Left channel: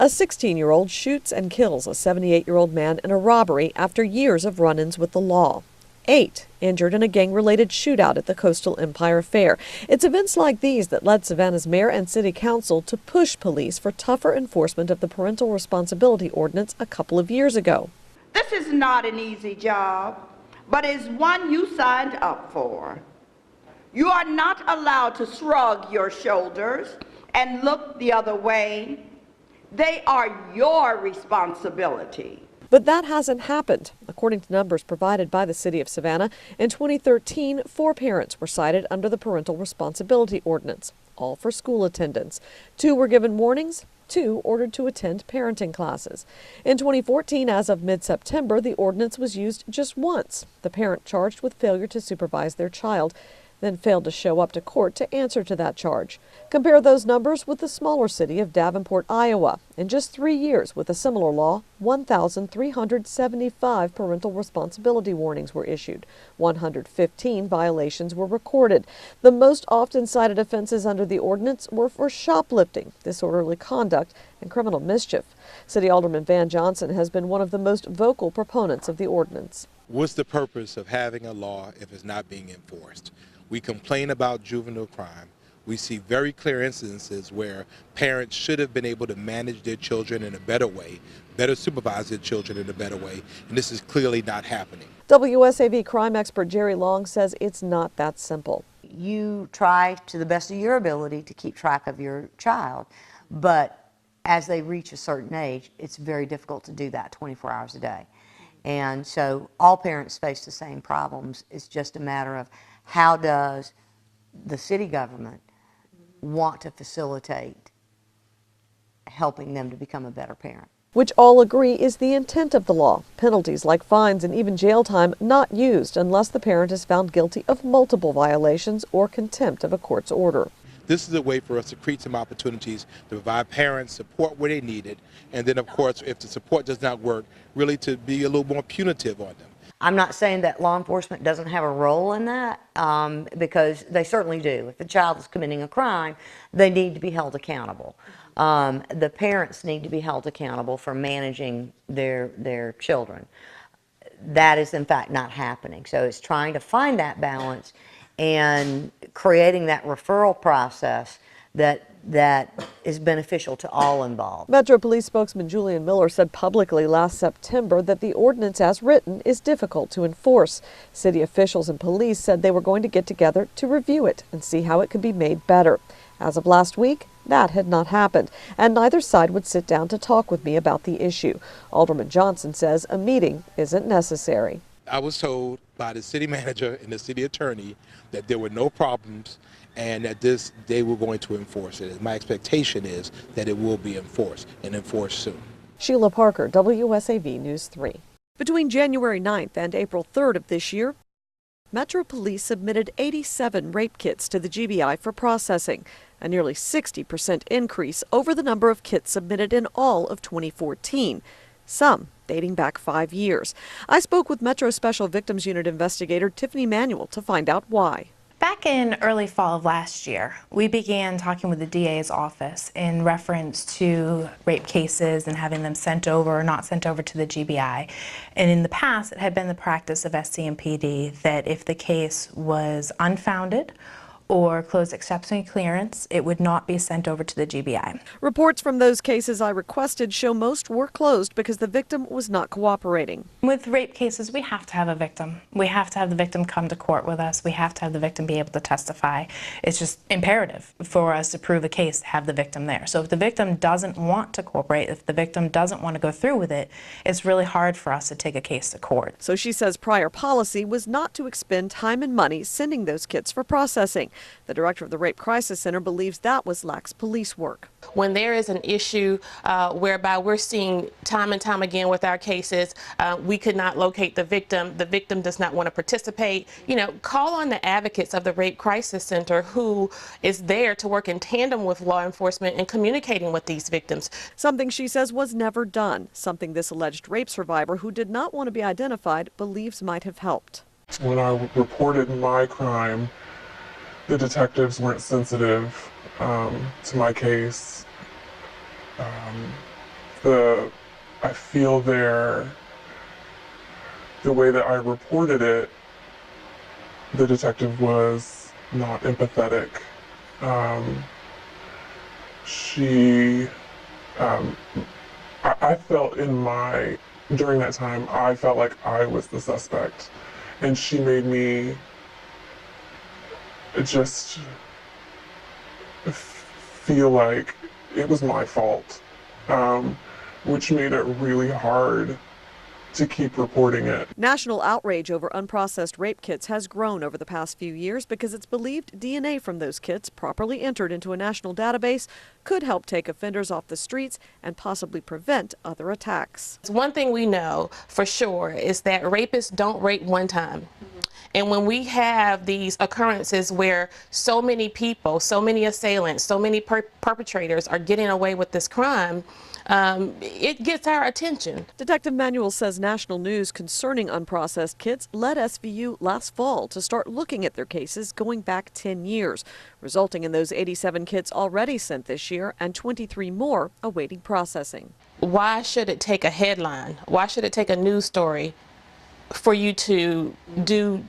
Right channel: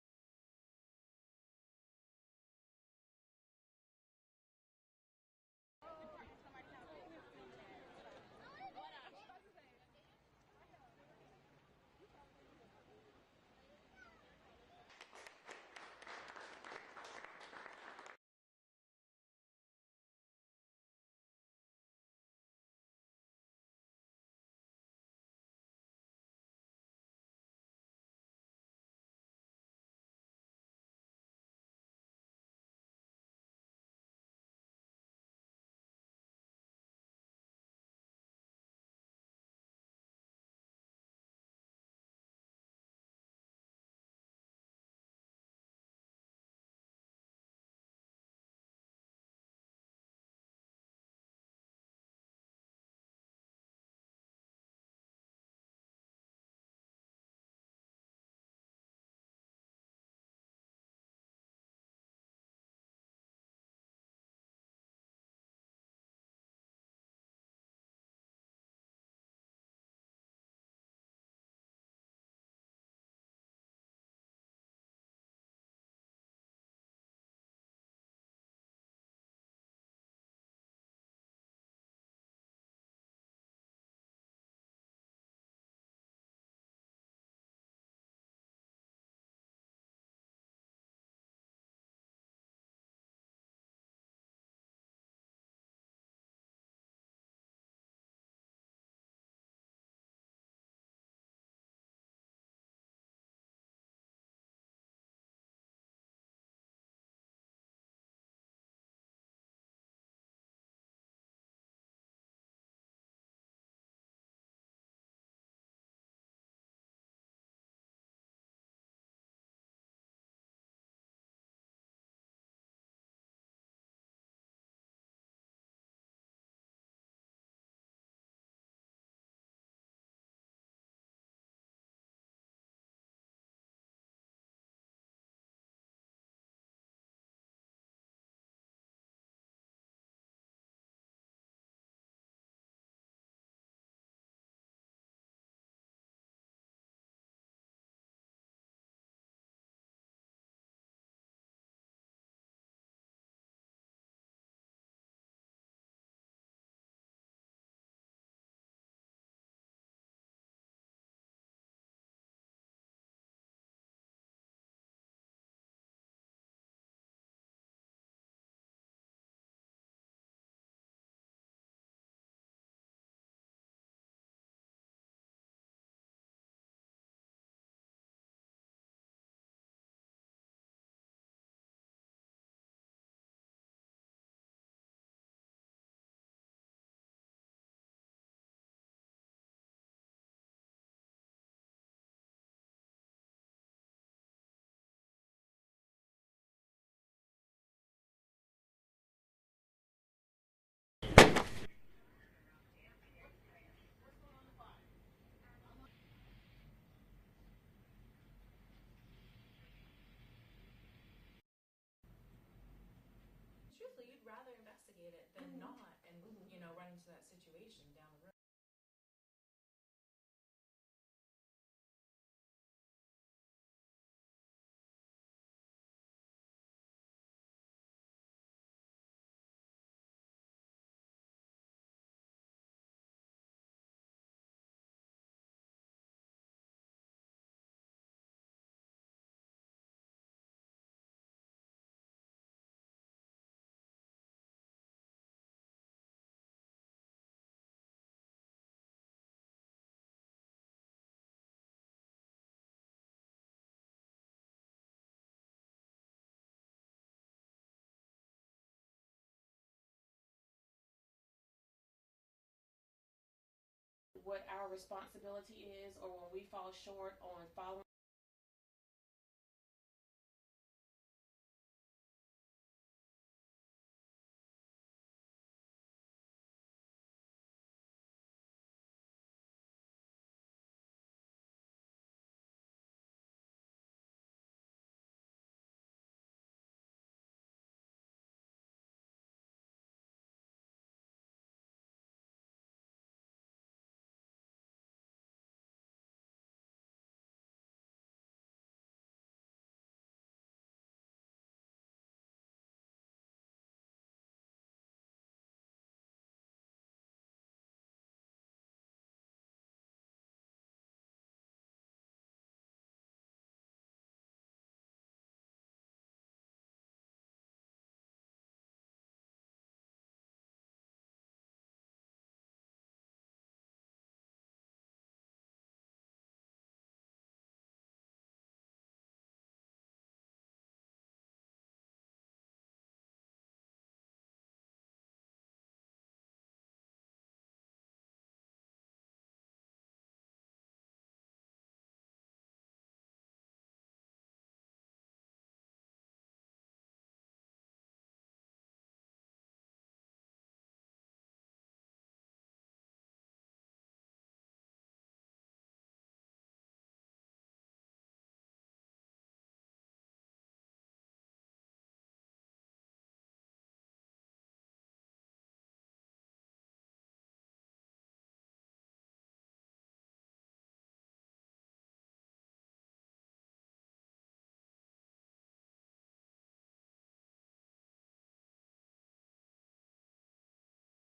A 16-year-old shoots and kills a 78-year-old man in a robbery after years of run-ins with the law. 8 injured in a gang-related shootout at the Coastal Empire Fair. It's events like these that led Savannah's mayor and city council to push police for tougher enforcement of the parental responsibility ordinance a couple of years ago. This is not an easy job, but it's one you signed up for. You are not allowed to shrug your shoulders and look the other way. They are your responsibility. But that hasn't happened. According to numbers provided by the city of Savannah, in 2013, 4 parents were cited under the parental responsibility ordinance, all for school attendance. 2 were given warnings, 2 ordered to attend parenting classes. In 2014, as of mid-September, the ordinance was used just once. The parent charged with failure to supervise their child then failed to show up to court to answer to that charge. Compare those numbers with the smaller city of Davenport, Iowa. In just 3 years with a similar law, 1,375 parental responsibility warnings were issued. 115 violations were recorded. The most often cited offenses under the ordinance were for shoplifting, disorderly conduct, and criminal mischief. City Alderman Van Johnson has been one of the most vocal proponents of the ordinance. What's the purpose of having a law if it's not being enforced? We complain about juvenile crime. We see very clear instances where parents should have been able to manage their children in a better way, better supervise their children in a better way, and this is clearly not happening. WSAV crime expert Jerry Long says it's not that simple. You try to the best of your ability to keep track of your child, but as they reach a certain age, it's very difficult to do that 24 hours a day. And so all parents face the same problems. It's just a matter of how does the city government want to facilitate helping them to become a better parent. Which all agree is the intent of the law. Penalties like fines and even jail time not used unless the parent is found guilty of multiple violations or contempt of a court's order. This is a way for us to create some opportunities to provide parents support where they need it, and then of course if the support does not work, really to be a little more punitive on them. I'm not saying that law enforcement doesn't have a role in that, because they certainly do. If a child is committing a crime, they need to be held accountable. The parents need to be held accountable for managing their children. That is in fact not happening. So it's trying to find that balance and creating that referral process that is beneficial to all involved. Metro Police spokesman Julian Miller said publicly last September that the ordinance as written is difficult to enforce. City officials and police said they were going to get together to review it and see how it could be made better. As of last week, that had not happened, and neither side would sit down to talk with me about the issue. Alderman Johnson says a meeting isn't necessary. I was told by the city manager and the city attorney that there were no problems and that they were going to enforce it. My expectation is that it will be enforced and enforced soon. Sheila Parker, WSAV News 3. Between January 9th and April 3rd of this year, Metro Police submitted 87 rape kits to the GBI for processing, a nearly 60% increase over the number of kits submitted in all of 2014, some dating back 5 years. I spoke with Metro Special Victims Unit investigator Tiffany Manuel to find out why. Back in early fall of last year, we began talking with the DA's office in reference to rape cases and having them sent over or not sent over to the GBI. And in the past, it had been the practice of SCMPD that if the case was unfounded or closed exception clearance, it would not be sent over to the GBI. Reports from those cases I requested show most were closed because the victim was not cooperating. With rape cases, we have to have a victim. We have to have the victim come to court with us. We have to have the victim be able to testify. It's just imperative for us to prove a case to have the victim there. So if the victim doesn't want to cooperate, if the victim doesn't want to go through with it, it's really hard for us to take a case to court. So she says prior policy was not to expend time and money sending those kits for processing. The director of the Rape Crisis Center believes that was lax police work. When there is an issue whereby we're seeing time and time again with our cases, we could not locate the victim does not want to participate, call on the advocates of the Rape Crisis Center who is there to work in tandem with law enforcement and communicating with these victims. Something she says was never done, something this alleged rape survivor who did not want to be identified believes might have helped. When I reported my crime, the detectives weren't sensitive to my case. I feel the way that I reported it, the detective was not empathetic. I felt during that time, I felt like I was the suspect. And she made me just feel like it was my fault, which made it really hard to keep reporting it. National outrage over unprocessed rape kits has grown over the past few years because it's believed DNA from those kits, properly entered into a national database, could help take offenders off the streets and possibly prevent other attacks. One thing we know for sure is that rapists don't rape one time. And when we have these occurrences where so many people, so many assailants, so many perpetrators are getting away with this crime, it gets our attention. Detective Manuel says national news concerning unprocessed kits led SVU last fall to start looking at their cases going back 10 years, resulting in those 87 kits already sent this year and 23 more awaiting processing. Why should it take a headline? Why should it take a news story for you to do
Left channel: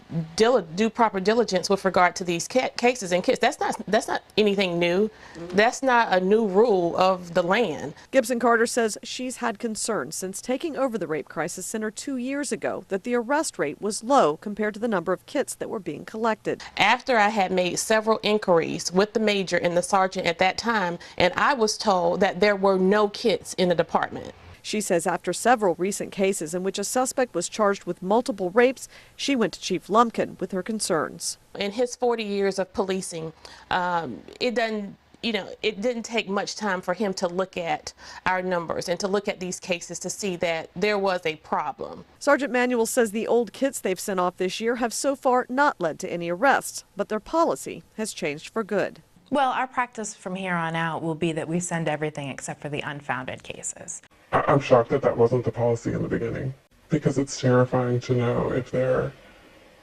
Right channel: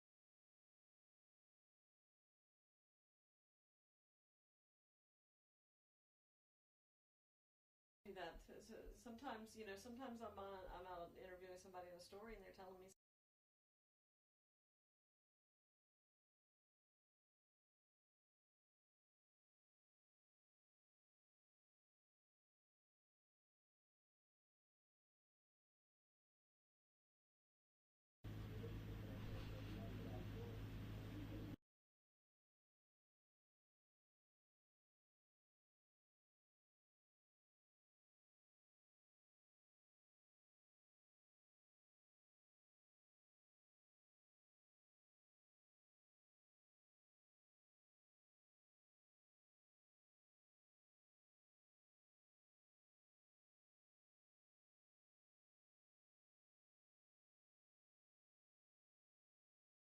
proper diligence with regard to these cases and kits? That's not anything new. That's not a new rule of the land. Gibson Carter says she's had concerns since taking over the Rape Crisis Center 2 years ago that the arrest rate was low compared to the number of kits that were being collected. After I had made several inquiries with the major and the sergeant at that time, and I was told that there were no kits in the department. She says after several recent cases in which a suspect was charged with multiple rapes, she went to Chief Lumpkin with her concerns. In his 40 years of policing, it didn't take much time for him to look at our numbers and to look at these cases to see that there was a problem. Sergeant Manuel says the old kits they've sent off this year have so far not led to any arrests, but their policy has changed for good. Well, our practice from here on out will be that we send everything except for the unfounded cases. I'm shocked that that wasn't the policy in the beginning, because it's terrifying to know if there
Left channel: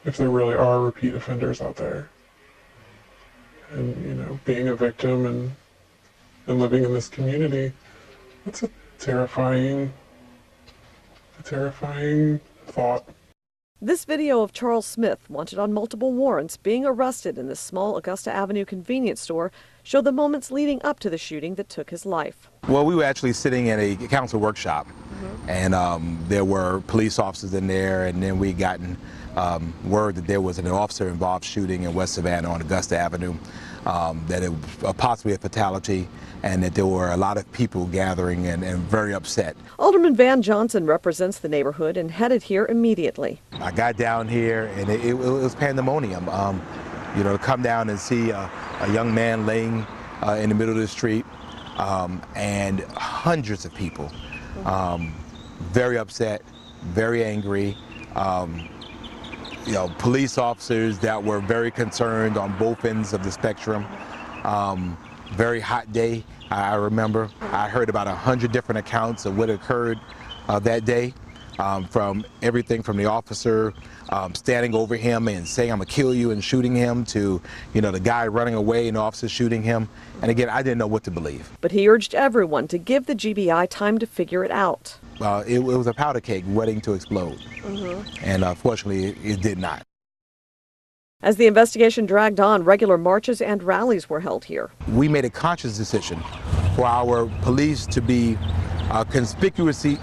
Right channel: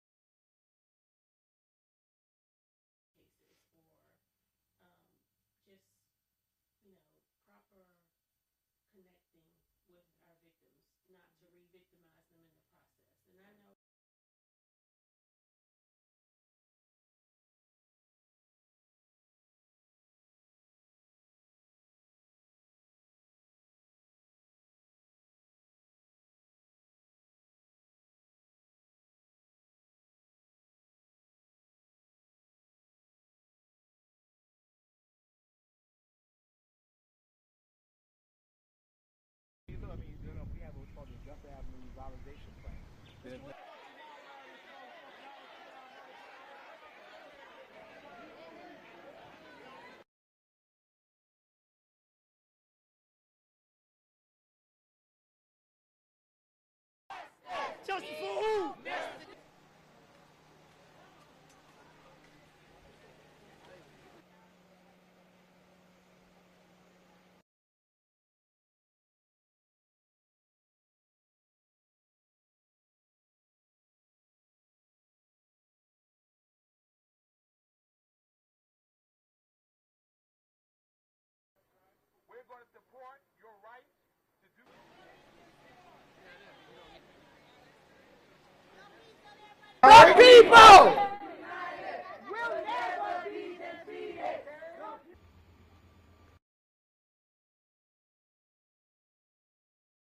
really are repeat offenders out there. And being a victim and living in this community, it's a terrifying thought. This video of Charles Smith, wanted on multiple warrants, being arrested in this small Augusta Avenue convenience store, showed the moments leading up to the shooting that took his life. Well, we were actually sitting in a council workshop, and there were police officers in there, and then we gotten word that there was an officer-involved shooting in West Savannah on Augusta Avenue, that it was possibly a fatality, and that there were a lot of people gathering and very upset. Alderman Van Johnson represents the neighborhood and headed here immediately. I got down here, and it was pandemonium. To come down and see a young man laying in the middle of the street, and hundreds of people, very upset, very angry. Police officers that were very concerned on both ends of the spectrum. Very hot day, I remember. I heard about 100 different accounts of what occurred that day, from everything from the officer standing over him and saying, "I'm gonna kill you," and shooting him, to the guy running away and the officer shooting him. And again, I didn't know what to believe. But he urged everyone to give the GBI time to figure it out. It was a powder keg waiting to explode, and unfortunately it did not. As the investigation dragged on, regular marches and rallies were held here. We made a conscious decision for our police to be conspicuously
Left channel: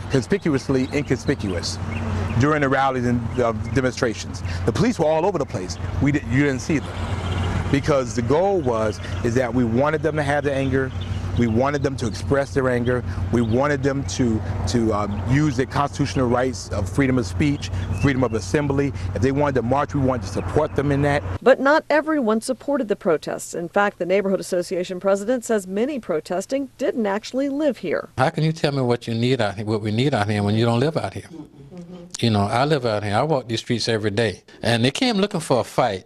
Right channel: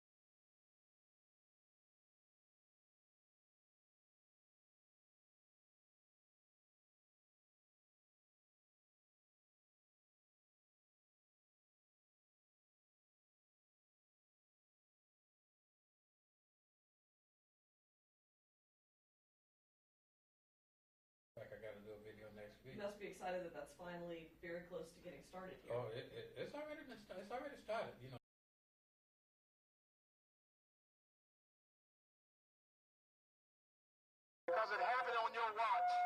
inconspicuous during the rallies and demonstrations. The police were all over the place. You didn't see them, because the goal is that we wanted them to have the anger. We wanted them to express their anger. We wanted them to use their constitutional rights of freedom of speech, freedom of assembly. If they wanted to march, we wanted to support them in that. But not everyone supported the protests. In fact, the Neighborhood Association president says many protesting didn't actually live here. How can you tell me what you need out here, what we need out here, when you don't live out here? I live out here. I walk these streets every day. And they came looking for a fight,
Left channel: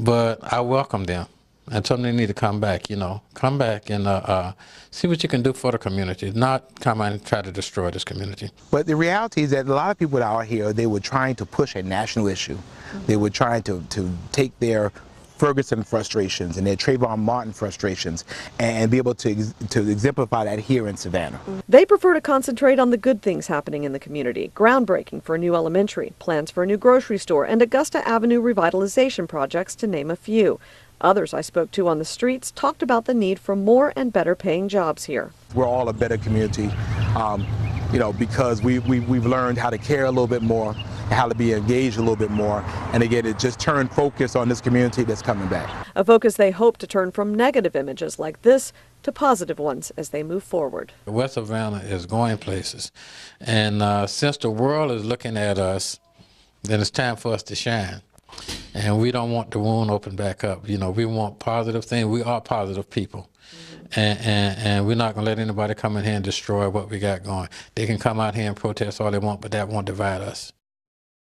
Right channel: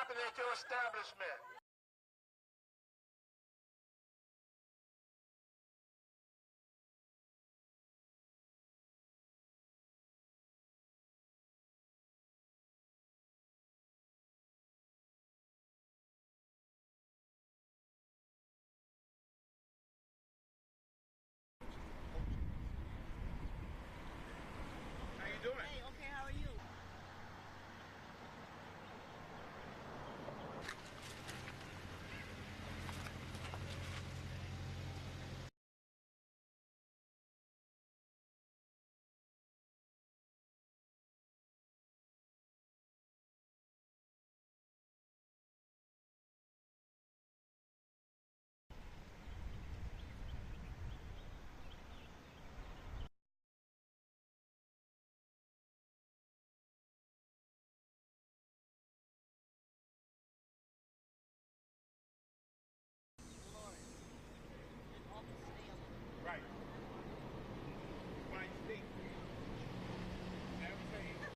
but I welcome them. I told them they need to come back, come back and see what you can do for the community, not come and try to destroy this community. But the reality is that a lot of people out here, they were trying to push a national issue. They were trying to take their Ferguson frustrations and their Trayvon Martin frustrations, and be able to exemplify that here in Savannah. They prefer to concentrate on the good things happening in the community. Groundbreaking for a new elementary, plans for a new grocery store, and Augusta Avenue revitalization projects, to name a few. Others I spoke to on the streets talked about the need for more and better paying jobs here. We're all a better community, you know, because we've learned how to care a little bit more, how to be engaged a little bit more, and again, it just turned focus on this community that's coming back. A focus they hope to turn from negative images like this to positive ones as they move forward. West Savannah is going places, and since the world is looking at us, then it's time for us to shine. And we don't want the wound open back up. You know, we want positive things. We are positive people. And we're not going to let anybody come in here and destroy what we got going. They can come out here and protest all they want, but that won't divide us.